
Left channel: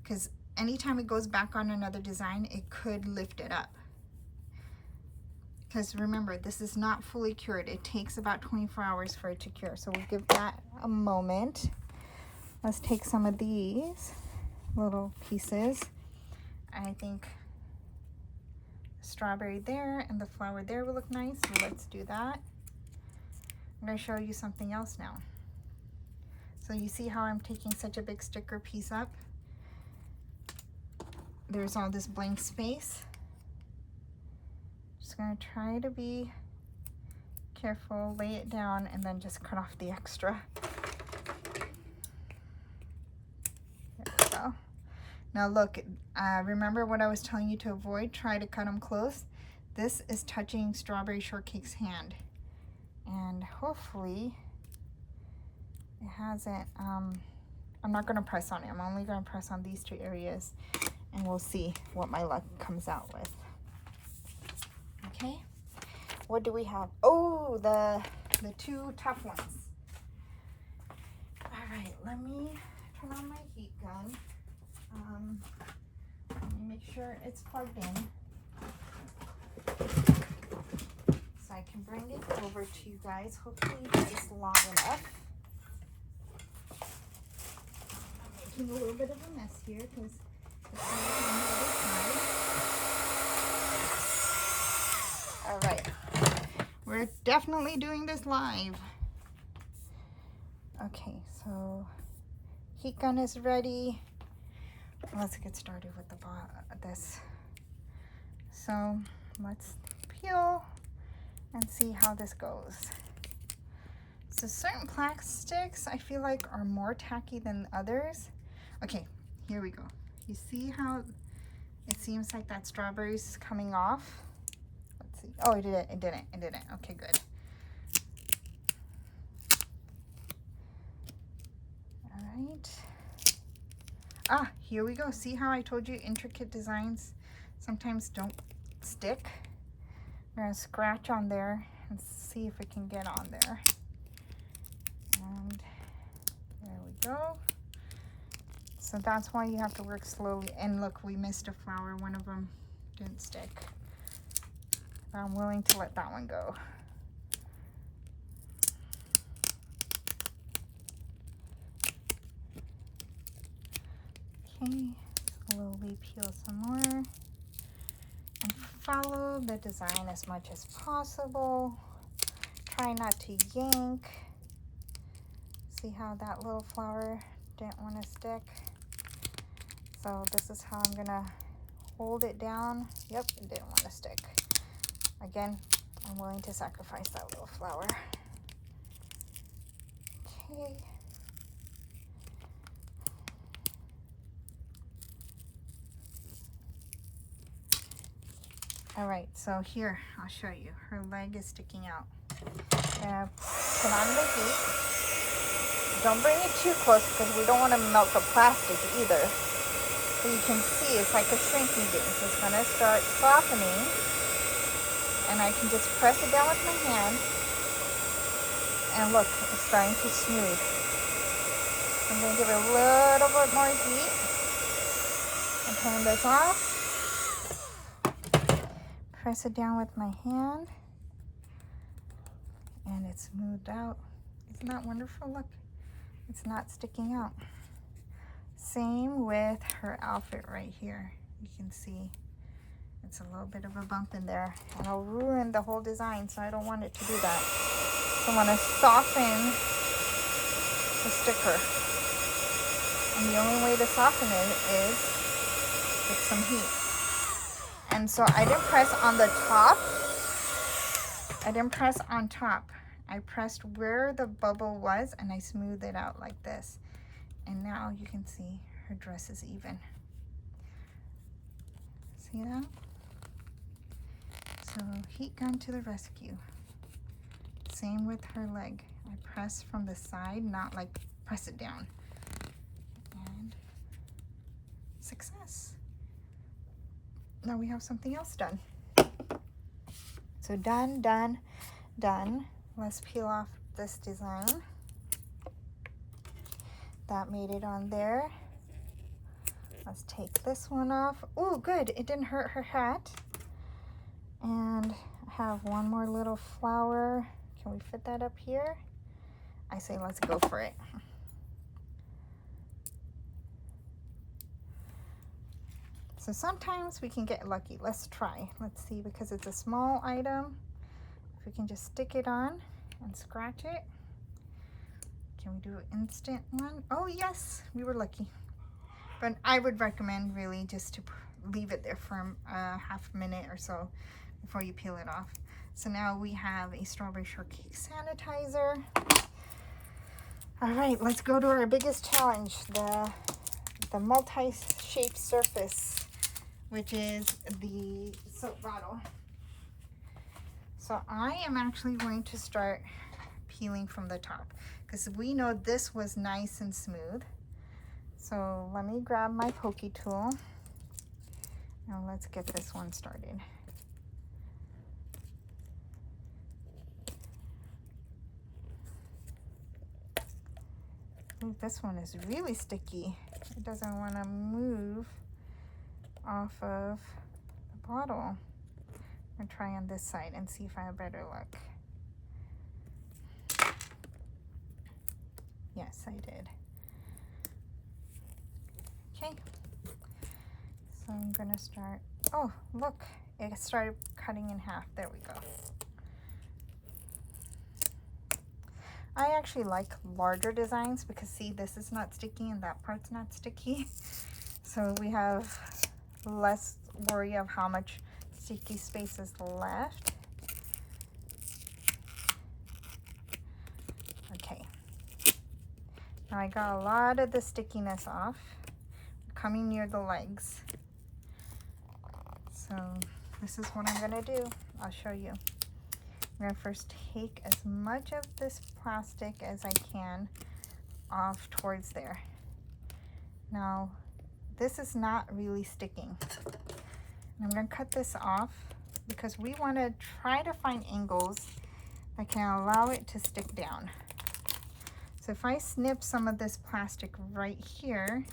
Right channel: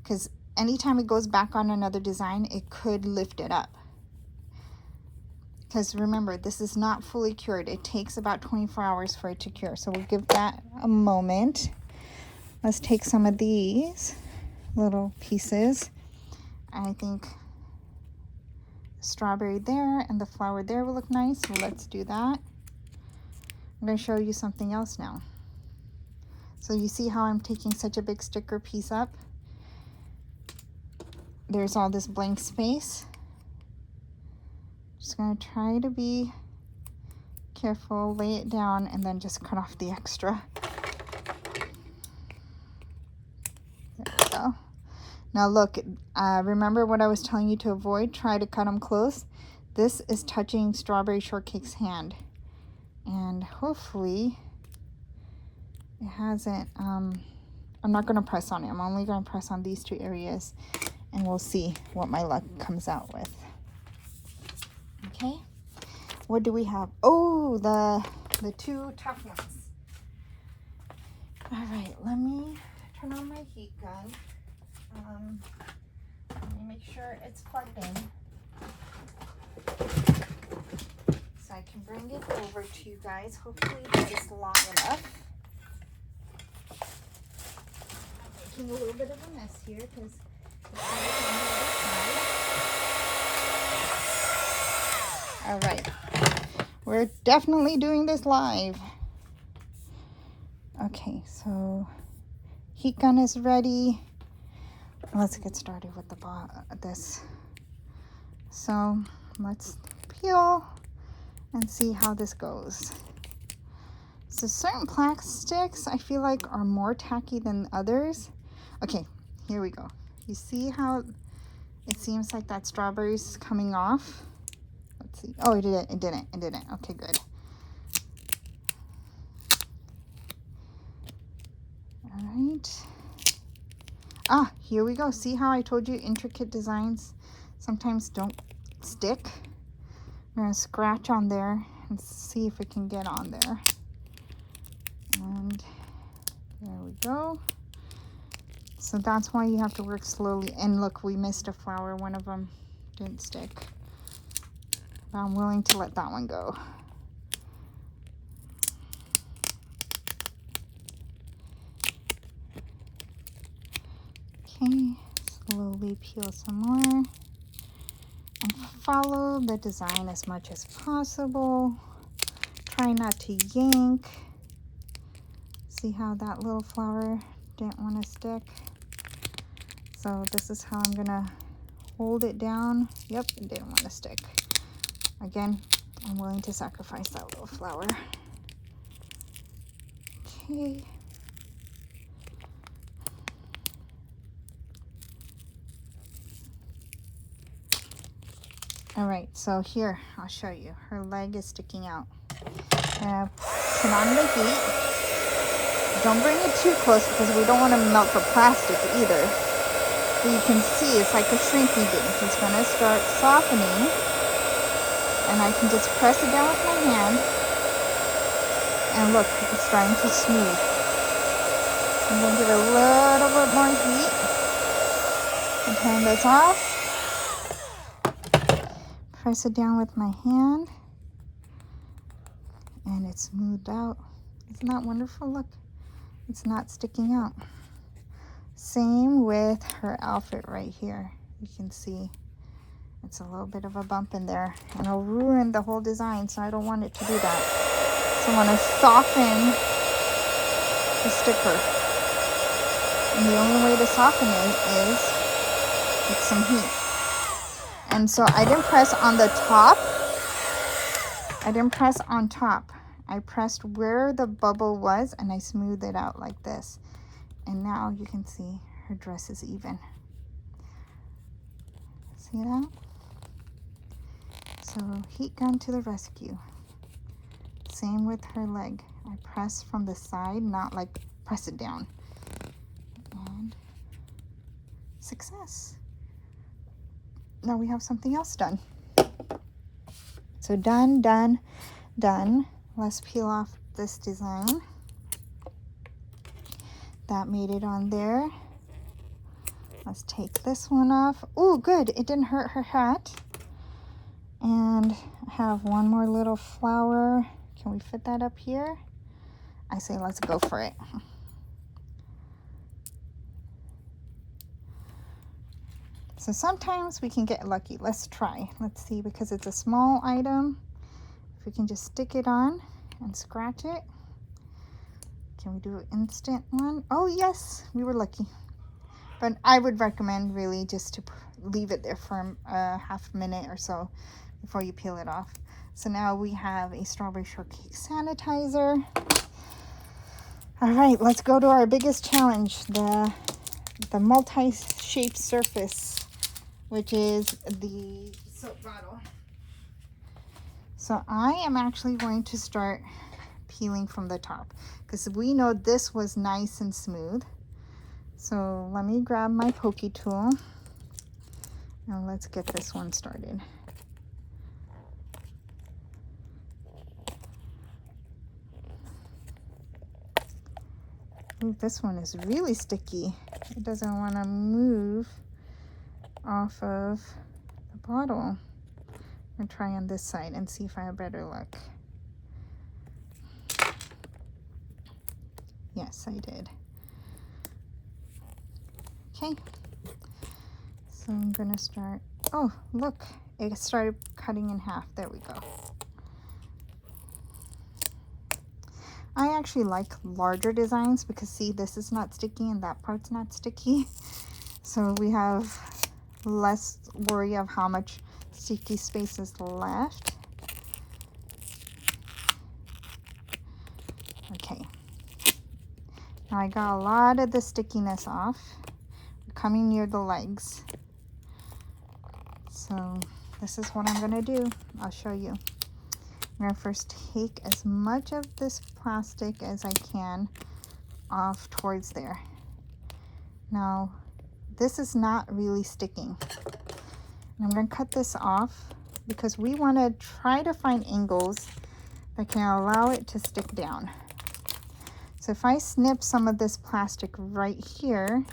because anytime it goes back on another design, it could lift it up. Because remember, this is not fully cured. It takes about 24 hours for it to cure. So we'll give that a moment. Let's take some of these little pieces. I think strawberry there and the flower there will look nice. So let's do that. I'm going to show you something else now. So you see how I'm taking such a big sticker piece up? There's all this blank space. Just going to try to be careful, lay it down, and then just cut off the extra. There we go. Now look, remember what I was telling you to avoid? Try to cut them close. This is touching Strawberry Shortcake's hand. And hopefully it hasn't, I'm not going to press on it. I'm only going to press on these two areas and we'll see what my luck comes out with. Okay, what do we have? Oh, the two tough ones. All right, let me turn on my heat gun. Let me make sure it's plugged in so I can bring it over to you guys. Hopefully it's long enough. I'm making a little bit of a mess here because All right. We're definitely doing this live. Okay, so heat gun is ready. Let's get started with this. So let's peel and see how this goes. So certain plastics I feel like are more tacky than others. Okay, here we go. You see how it seems like that strawberry's coming off? Let's see. Oh, it didn't. Okay, good. All right. Ah, here we go. See how I told you intricate designs sometimes don't stick? I'm gonna scratch on there and see if it can get on there. And there we go. So that's why you have to work slowly. And look, we missed a flower. One of them didn't stick. But I'm willing to let that one go. Okay, slowly peel some more. And follow the design as much as possible. Try not to yank. See how that little flower didn't want to stick? So this is how I'm gonna hold it down. Yep, it didn't want to stick. Again, I'm willing to sacrifice that little flower. Okay. All right, so here, I'll show you. Her leg is sticking out. Turn on the heat. Don't bring it too close because we don't want to melt the plastic either. But you can see it's like a shrinking thing. It's going to start softening. And I can just press it down with my hand. And look, it's starting to smooth. I'm going to give it a little bit more heat. And turn this off. Press it down with my hand. And it's smoothed out. Isn't that wonderful? Look, it's not sticking out. Same with her outfit right here. You can see it's a little bit of a bump in there. It'll ruin the whole design, so I don't want it to do that. So I want to soften the sticker. And the only way to soften it is with some heat. And so I didn't press on the top. I didn't press on top. I pressed where the bubble was and I smoothed it out like this. And now you can see her dress is even. See that? So heat gun to the rescue. Same with her leg. I press from the side, not like press it down. And success. Now we have something else done. So done, done, done. Let's peel off this design. That made it on there. Let's take this one off. Oh, good. It didn't hurt her hat. And I have one more little flower. Can we fit that up here? I say let's go for it. So sometimes we can get lucky. Let's try. Let's see, because it's a small item. If we can just stick it on and scratch it. Can we do an instant one? Oh yes, we were lucky. But I would recommend really just to leave it there for a half minute or so before you peel it off. So now we have a strawberry shortcake sanitizer. All right, let's go to our biggest challenge, the multi-shaped surface, which is the soap bottle. So I am actually going to start peeling from the top because we know this was nice and smooth. So let me grab my pokey tool and let's get this one started. Ooh, this one is really sticky. It doesn't want to move off of the bottle. I'm gonna try on this side and see if I have better luck. Yes, I did. Okay. So I'm gonna start, oh, look, it started cutting in half. There we go. I actually like larger designs because see, this is not sticky and that part's not sticky. So we have less worry of how much sticky space is left. Okay. Now I got a lot of the stickiness off. Coming near the legs. So this is what I'm gonna do. I'll show you. I'm gonna first take as much of this plastic as I can off towards there. Now, this is not really sticking. And I'm gonna cut this off because we wanna try to find angles that can allow it to stick down. So if I snip some of this plastic right here,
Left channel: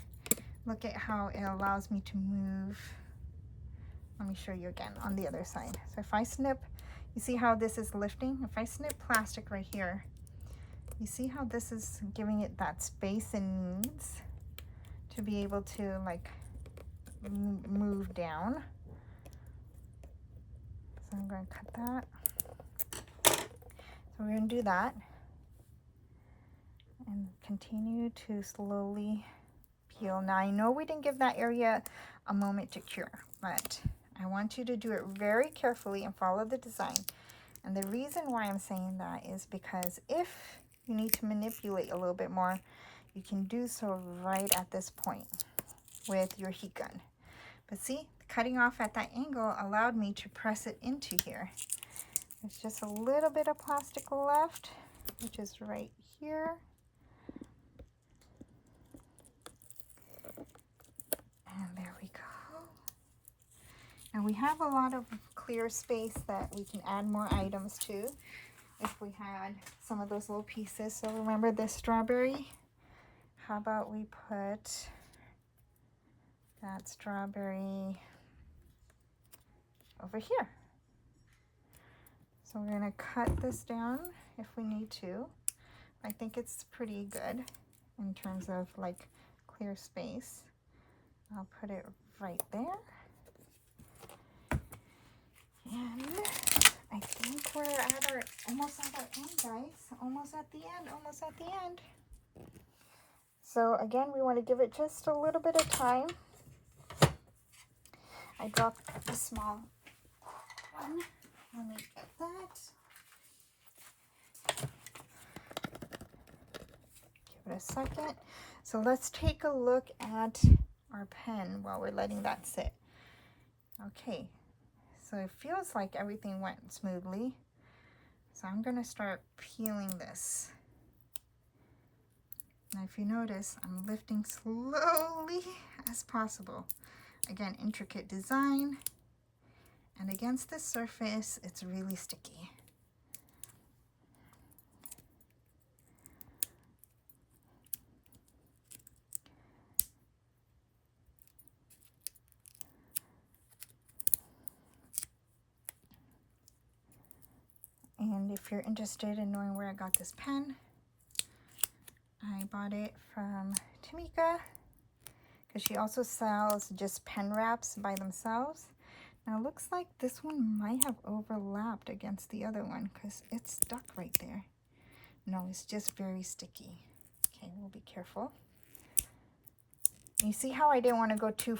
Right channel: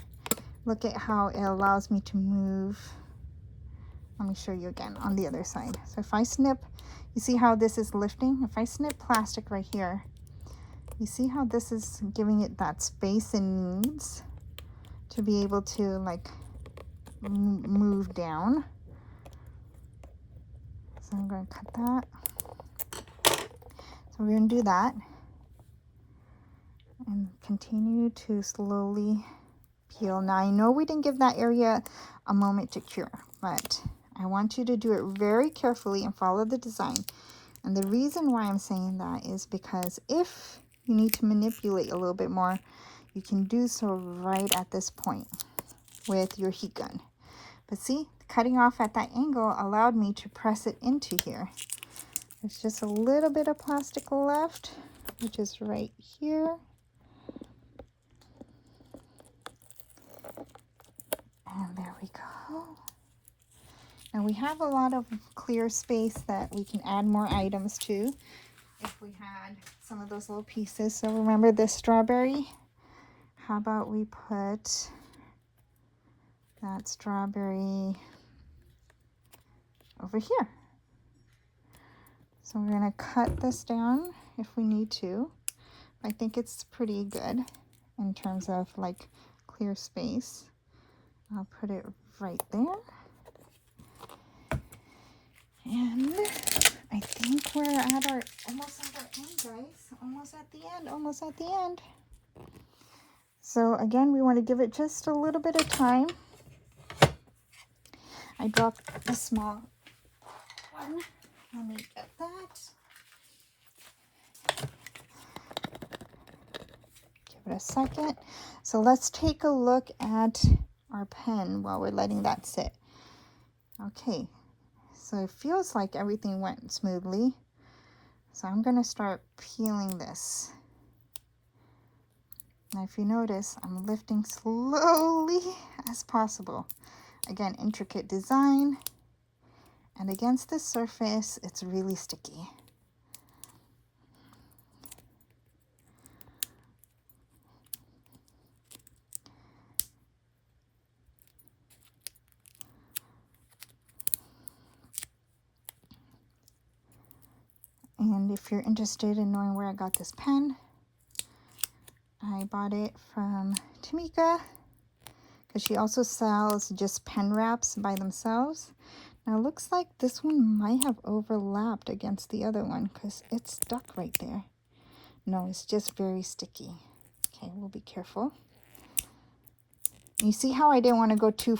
look at how it allows me to move. Let me show you again on the other side. So if I snip, you see how this is lifting? If I snip plastic right here, you see how this is giving it that space it needs to be able to like move down. So I'm going to cut that. So we're going to do that and continue to slowly peel. Now I know we didn't give that area a moment to cure, but I want you to do it very carefully and follow the design. And the reason why I'm saying that is because if you need to manipulate a little bit more, you can do so right at this point with your heat gun. But see, cutting off at that angle allowed me to press it into here. There's just a little bit of plastic left, which is right here. And there we go. Now we have a lot of clear space that we can add more items to if we had some of those little pieces. So remember this strawberry? How about we put that strawberry over here? So we're going to cut this down if we need to. I think it's pretty good in terms of like clear space. I'll put it right there. And I think we're at our, almost at our end, guys. Almost at the end, almost at the end. So again, we want to give it just a little bit of time. I dropped the small one. Let me get that. Give it a second. So let's take a look at our pen while we're letting that sit. Okay, so it feels like everything went smoothly. So I'm going to start peeling this. Now if you notice, I'm lifting slowly as possible. Again, intricate design. And against this surface, it's really sticky. And if you're interested in knowing where I got this pen, I bought it from Tamika because she also sells just pen wraps by themselves. Now it looks like this one might have overlapped against the other one because it's stuck right there. No, it's just very sticky. Okay, we'll be careful. You see how I didn't want to go too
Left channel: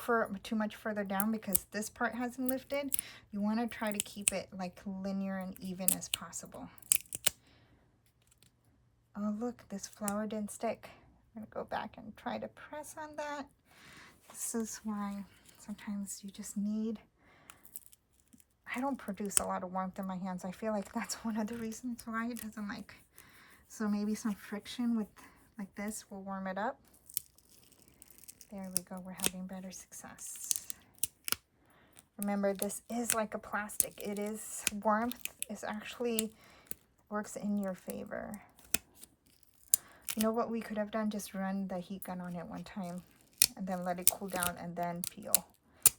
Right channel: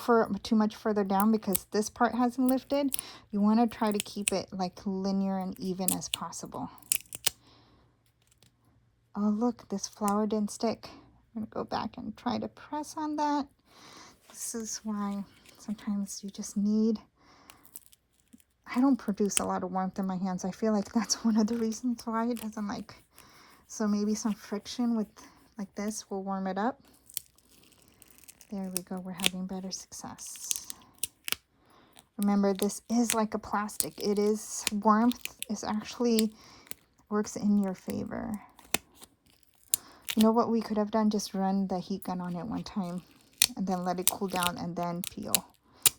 much further down because this part hasn't lifted? You want to try to keep it like linear and even as possible. Oh look, this flower didn't stick. I'm going to go back and try to press on that. This is why sometimes you just need... I don't produce a lot of warmth in my hands. I feel like that's one of the reasons why it doesn't like... So maybe some friction with like this will warm it up. There we go, we're having better success. Remember, this is like a plastic. It is warmth. It actually works in your favor. You know what we could have done? Just run the heat gun on it one time and then let it cool down and then peel.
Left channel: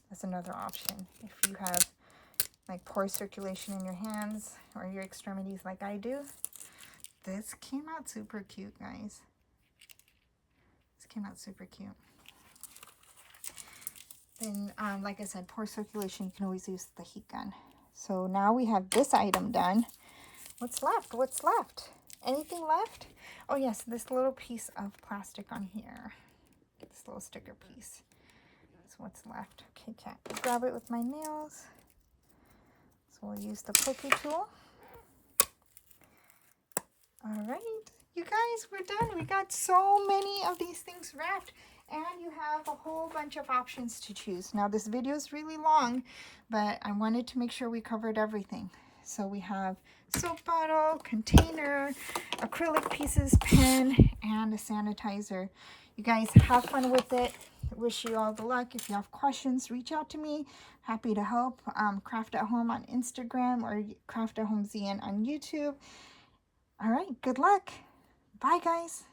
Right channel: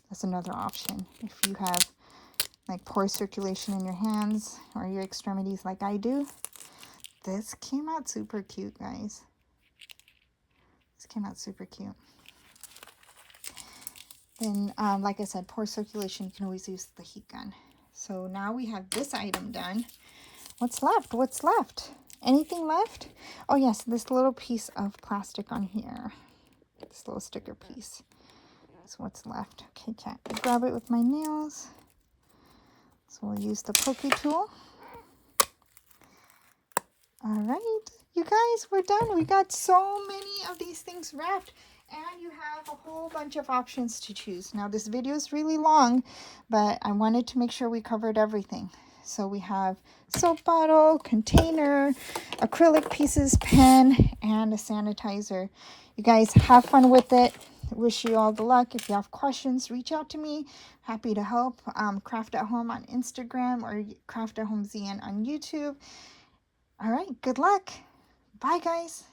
That's another option. If you have like poor circulation in your hands or your extremities like I do. This came out super cute, guys. This came out super cute. then like I said, poor circulation, you can always use the heat gun. So now we have this item done. What's left? What's left? Anything left? Oh yes, this little piece of plastic on here. This little sticker piece. That's what's left. Okay, can't grab it with my nails. So we'll use the pokey tool. All right, you guys, we're done. We got so many of these things wrapped, and you have a whole bunch of options to choose. Now this video is really long, but I wanted to make sure we covered everything. So we have soap bottle, container, acrylic pieces, pen, and a sanitizer. You guys have fun with it. Wish you all the luck. If you have questions, reach out to me. Happy to help. Craft at Home on Instagram or Craft at Home ZN on YouTube. All right, good luck. Bye, guys.